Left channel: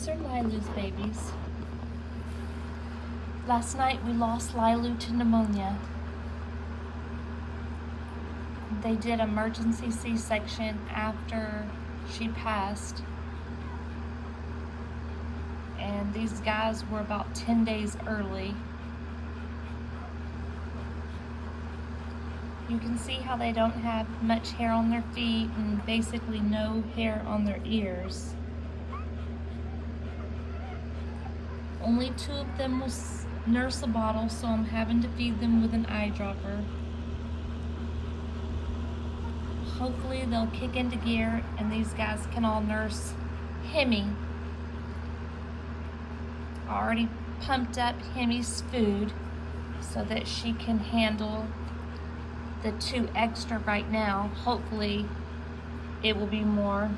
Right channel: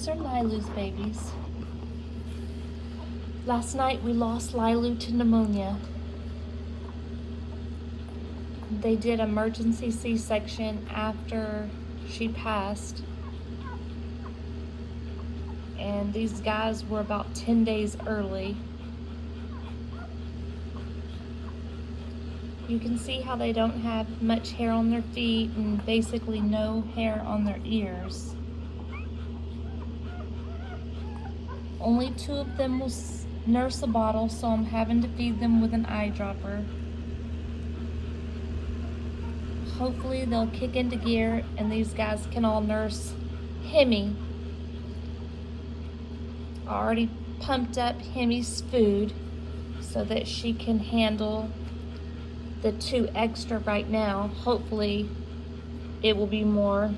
These are Lilu's babies. Last night we lost Lilu to pneumonia. They did emergency C-section after she passed. And these guys were about 10 days early. You can see how they don't have much hair on their feet and basically no hair on their ears. Only 2 of them was nurse a bottle, so I'm having to feed them with an eyedropper. Hopefully they'll kick into gear and these guys can all nurse Hemi. I already pumped up Hemi's food so that she can handle the 2 extra right now. Hopefully it will be more.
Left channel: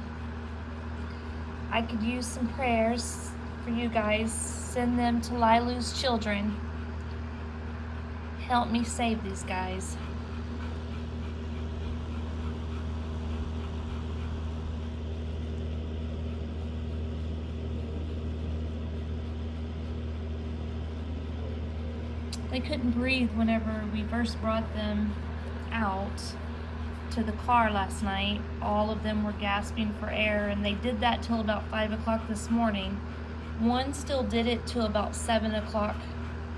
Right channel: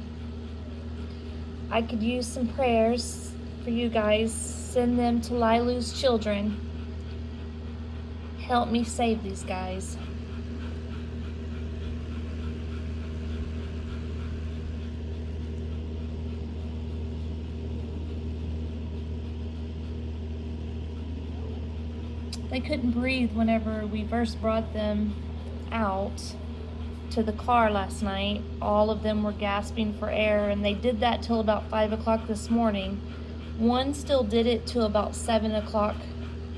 I could use some prayers for you guys. Send them to Lilu's children. Help me save these guys. They couldn't breathe whenever we first brought them out to the car last night. All of them were gasping for air, and they did that till about 5 o'clock this morning. One still did it till about 7 o'clock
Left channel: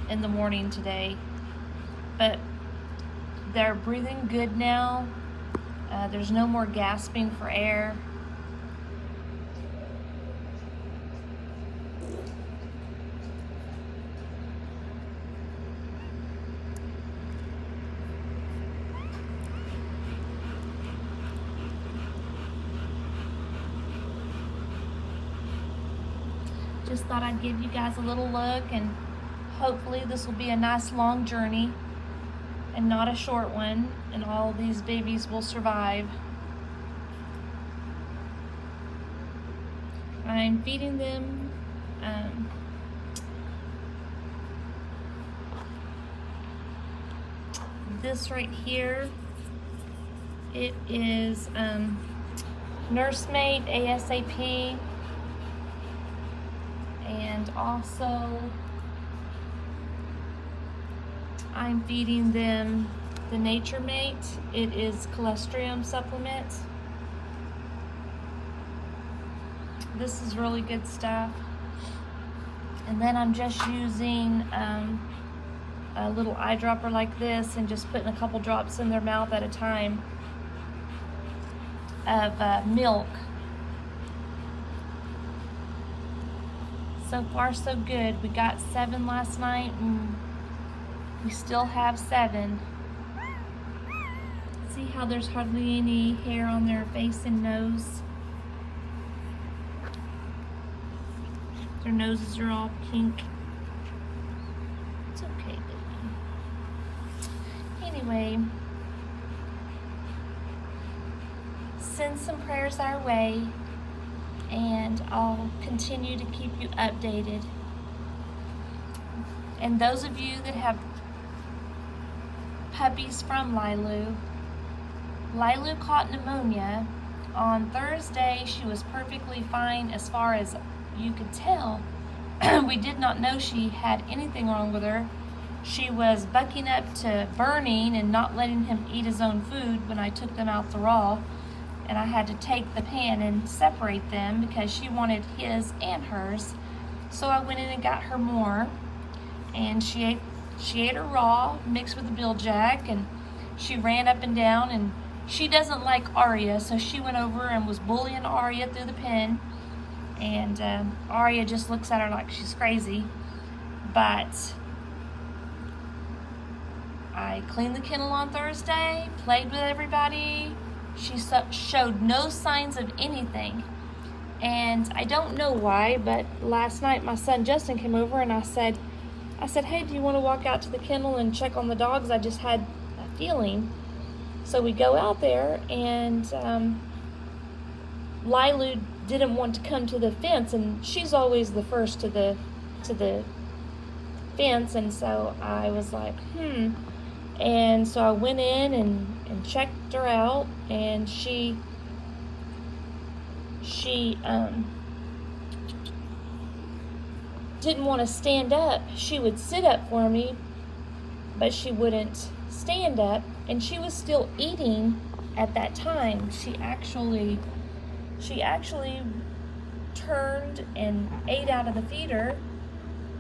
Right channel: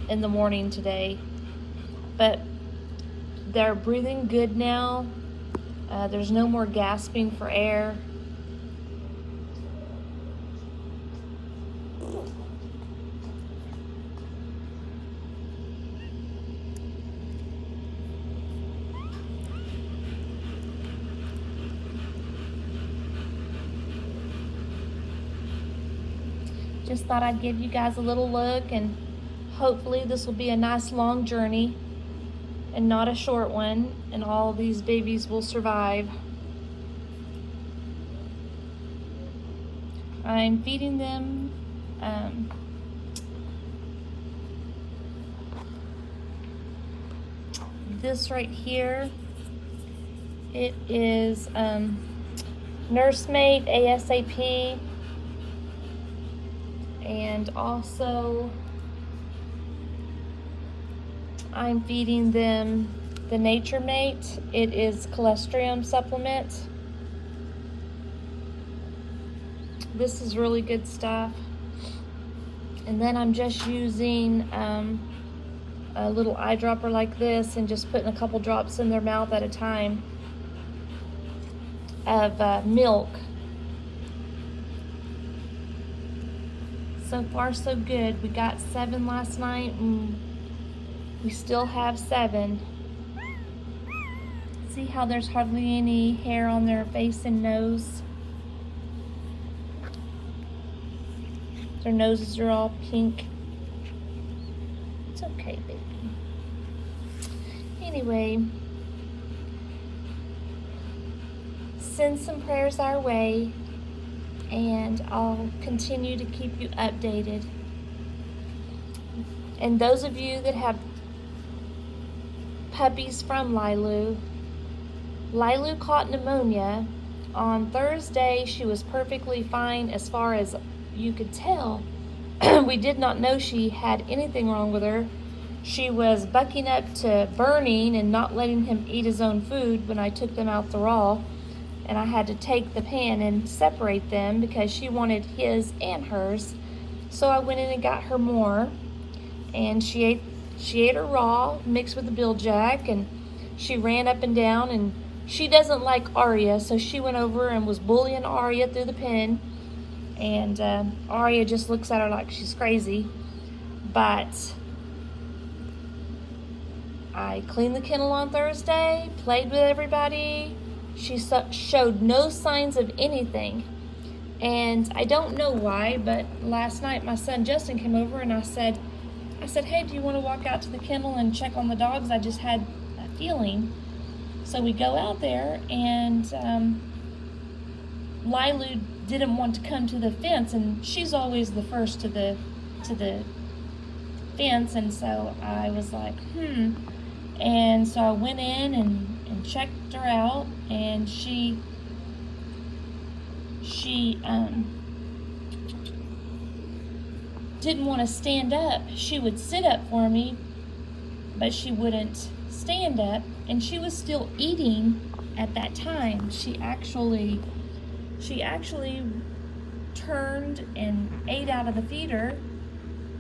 in the morning today, but they're breathing good now. There's no more gasping for air. Just thought I'd give you guys a little look, and hopefully this will be a nice long journey and not a short one, and all of these babies will survive. I'm feeding them this right here. It is Nursemate ASAP. And also, I'm feeding them the Nature Mate. It is cholesterol supplement. This is really good stuff. And then I'm just using a little eyedropper like this and just putting a couple drops in their mouth at a time of milk. So far so good. We got 7 last night and we still have 7. See how there's hardly any hair on their face and nose? Their noses are all pink. It's okay, baby. Anyway, send some prayers our way, and I'll continue to keep you updated. And those of you that have puppies from Lilu, Lilu caught pneumonia. On Thursday, she was perfectly fine as far as you could tell. We did not know she had anything wrong with her. She was bucking up to burning and not letting him eat his own food when I took them out the raw. And I had to take the pan and separate them because she wanted his and hers. So I went in and got her more, and she ate her raw mixed with the Biljack, and she ran up and down, and she doesn't like Aria, so she went over and was bullying Aria through the pen, and Aria just looks at her like she's crazy. But I cleaned the kennel on Thursday, played with everybody. She showed no signs of anything, and I don't know why, but last night my son Justin came over and I said, hey, do you want to walk out to the kennel and check on the dogs? I just had a feeling. So we go out there, and Lilu didn't want to come to the fence, and she's always the first to the fence, and so I was like, and so I went in and checked her out, and she didn't want to stand up. She would sit up for me, but she wouldn't stand up, and she was still eating at that time. She actually turned and ate out of the feeder,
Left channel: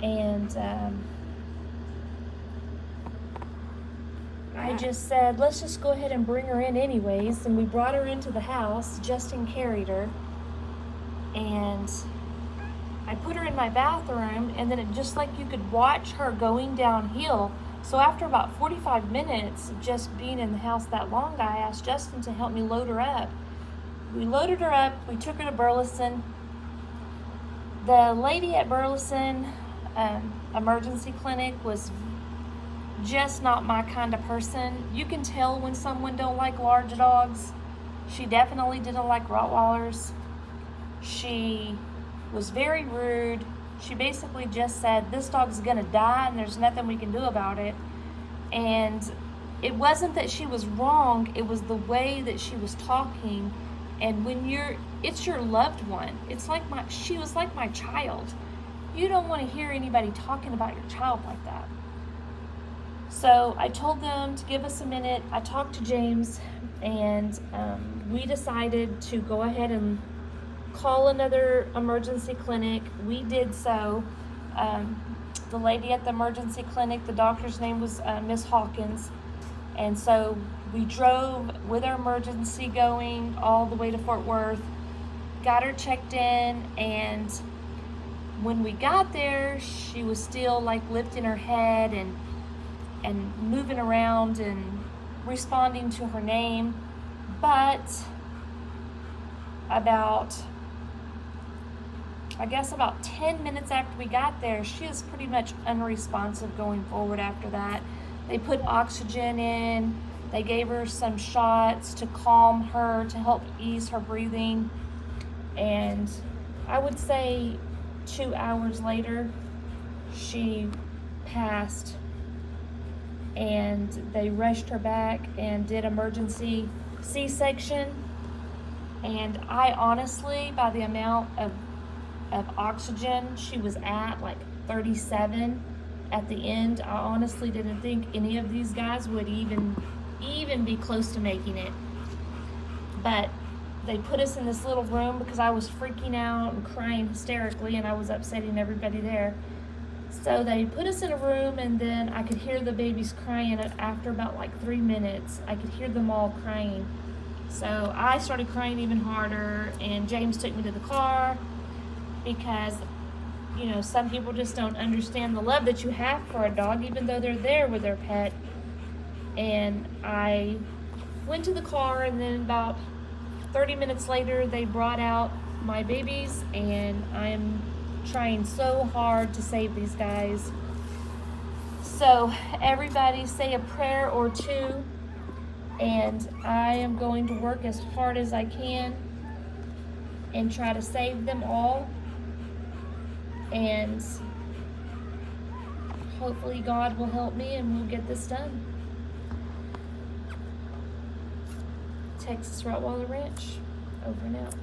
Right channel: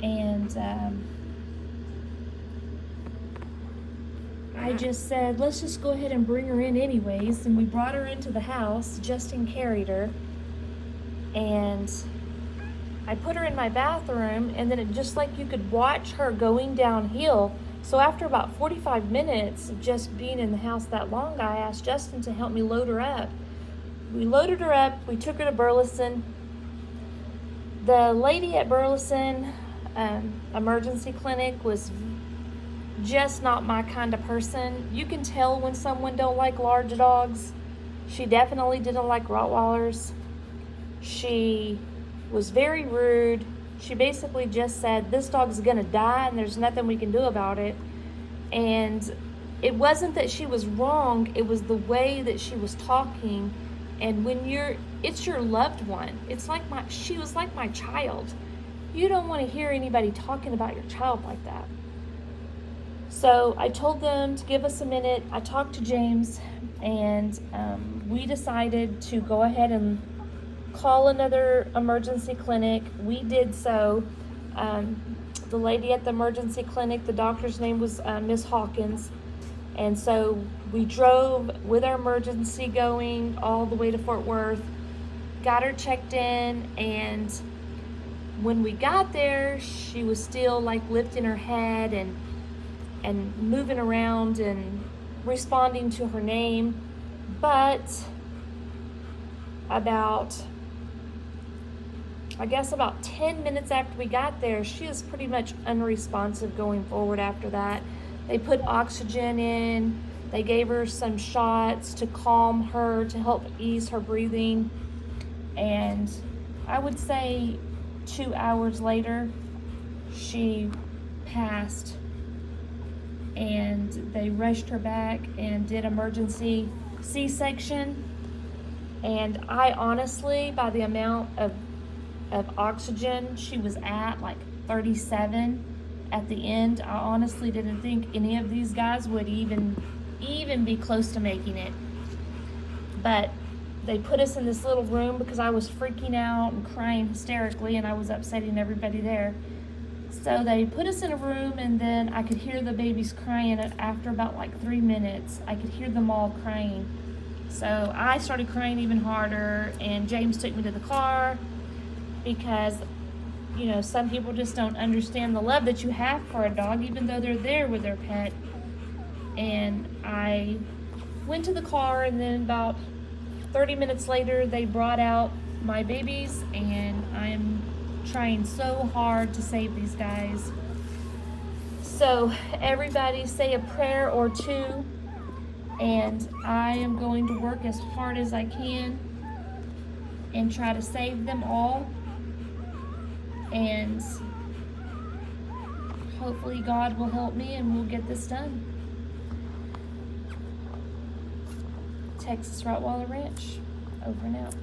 and I just said, let's just go ahead and bring her in anyways, and we brought her into the house. Justin carried her, and I put her in my bathroom, and then it just like you could watch her going downhill. So after about 45 minutes of just being in the house that long, I asked Justin to help me load her up. We loaded her up, we took her to Burleson. The lady at Burleson emergency clinic was just not my kind of person. You can tell when someone don't like large dogs. She definitely didn't like Rottweilers. She was very rude. She basically just said, this dog's gonna die and there's nothing we can do about it. And it wasn't that she was wrong, it was the way that she was talking. And when it's your loved one. She was like my child. You don't want to hear anybody talking about your child like that. So I told them to give us a minute. I talked to James, and we decided to go ahead and call another emergency clinic. We did so. The lady at the emergency clinic, the doctor's name was Miss Hawkins. And so we drove with our emergency going all the way to Fort Worth, got her checked in, and when we got there, she was still like lifting her head and moving around and responding to her name. But about 10 minutes after we got there, she was pretty much unresponsive going forward after that. They put oxygen in, they gave her some shots to calm her, to help ease her breathing. And I would say 2 hours later, she passed, and they rushed her back and did emergency C-section. And I honestly, by the amount of oxygen she was at, like 37 at the end, I honestly didn't think any of these guys would even be close to making it. But they put us in this little room because I was freaking out and crying hysterically, and I was upsetting everybody there. So they put us in a room, and then I could hear the babies crying. After about like 3 minutes, I could hear them all crying. So I started crying even harder, and James took me to the car because, you know, some people just don't understand the love that you have for a dog, even though they're there with their pet. And I went to the car, and then about 30 minutes later, they brought out my babies, and I'm trying so hard to save these guys. So everybody say a prayer or two, and I am going to work as hard as I can and try to save them all. And hopefully God will help me and we'll get this done. Texas Rottweiler Ranch, over and out.